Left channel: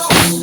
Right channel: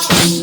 Oh.